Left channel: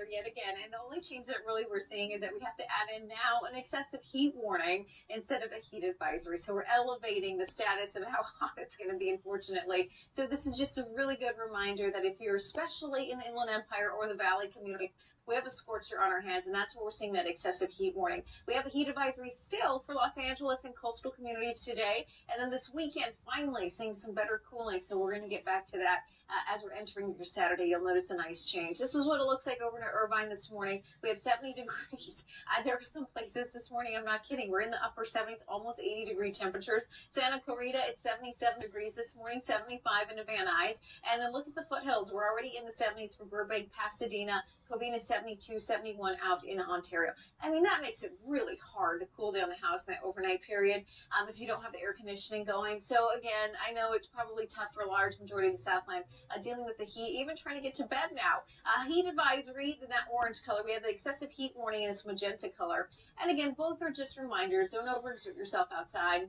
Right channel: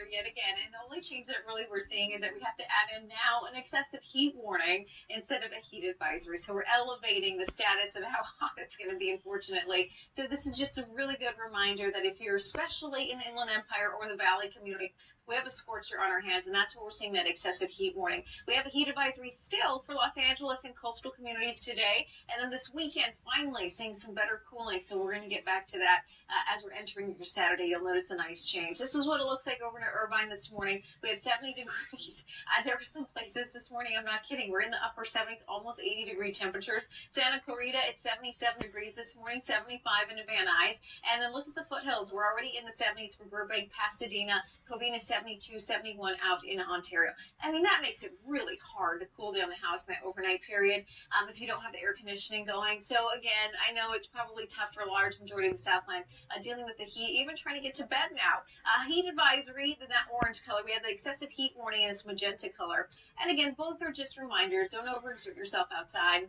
weather yet again. And the only change that really we're seeing is that we have to add in now an excessive heat warning instead of a heat advisory. So we're elevating the status of how hot it's going to be, unfortunately. So this is just a really good reminder that if you're especially in the Inland Empire or the Valley community, we have a scorcher on our hands, and that's where we're seeing that excessive heat warning. We have a heat advisory still for Los Angeles and coastal communities today, and then this weekend, finally seeing some better cooling, so we're going to get back to that. As we're entering your Saturday, you'll notice a nice change. This is what it looks like over in Irvine this morning. We have 70 degrees. There are some places this morning, I'm not kidding, we're in the upper 70s, almost 80-degree temperatures. Santa Clarita, it's 77 degrees this morning, 75 in Van Nuys. And then look at the foothills. We're already in the 70s for Burbank, Pasadena, Covina 72, 71 out in Ontario. I mean, that makes it really hard to cool down the house in that overnight period if you don't have the air conditioning going. So again, I know it's probably tough for a large majority of the Southland dealing with the heat, even trying to get to bed now. Heat advisory in that orange color. We have the excessive heat warning in this magenta color. And again, both are just reminders. Don't overexert yourself outside.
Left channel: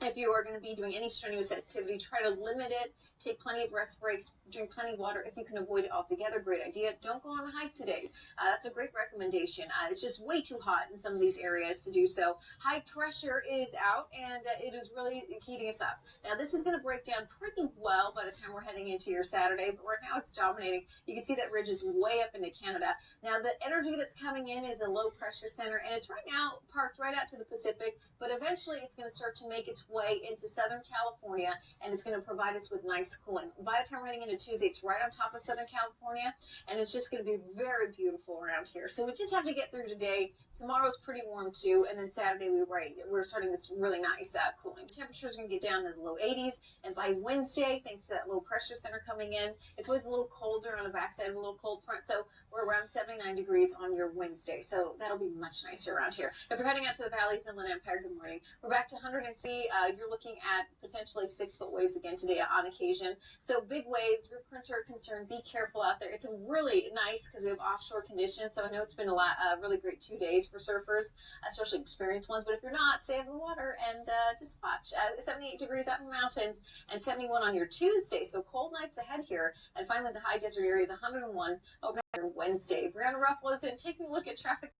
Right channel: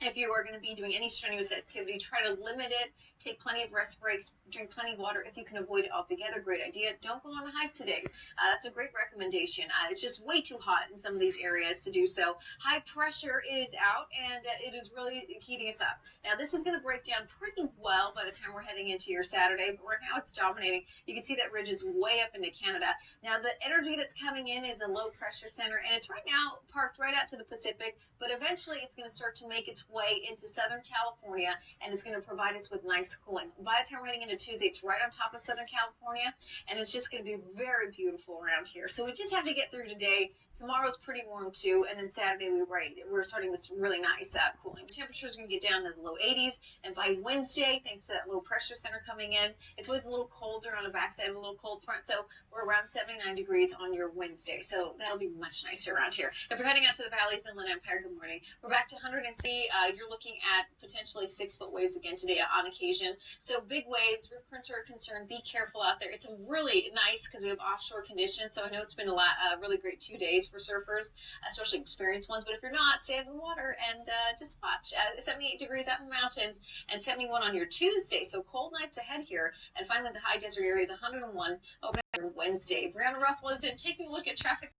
If you are going to be doing any strenuous activity, try to limit it. Take plenty of rest breaks. Drink plenty of water if you can avoid it altogether. Great idea. Don't go on a hike today. That's a great recommendation. It's just way too hot in some of these areas to do so. High pressure is out, and it is really heating us up. Now, this is going to break down pretty well by the time we're heading into your Saturday, but right now it's dominating. You can see that ridge is way up into Canada. Now, the energy that's coming in is a low pressure center, and it's right now parked right out to the Pacific, but eventually it's going to start to make its way into Southern California, and it's going to provide us with nice cooling. By the time we're heading into Tuesday, it's right on top of Southern California, and it's just going to be very beautiful around here. So we just have to get through today. Tomorrow's pretty warm too, and then Saturday we're starting this really nice cooling. Temperatures are going to get down to the low 80s, and by Wednesday, thanks to that low pressure center coming in, it's always a little colder on the backside of a little cold front, so we're around 79 degrees on your Wednesday, so that'll be much nicer around here. If you're heading out to the Valleys, Inland Empire, good morning. We're back to 100C. You're looking at potentially 6-foot waves again today on occasion. So big waves, rip currents are a concern. Be careful out there. It's really nice because we have offshore conditions, so I know it's been a really great 2 days for surfers, especially experienced ones. But if you're not, stay out of the water and just watch. 78 degrees out in the mountains and 71 on your Tuesday. So cold nights ahead here. And finally, the high desert area is 101 over Wednesday. Brianna Ruffalo is in taking a look at traffic.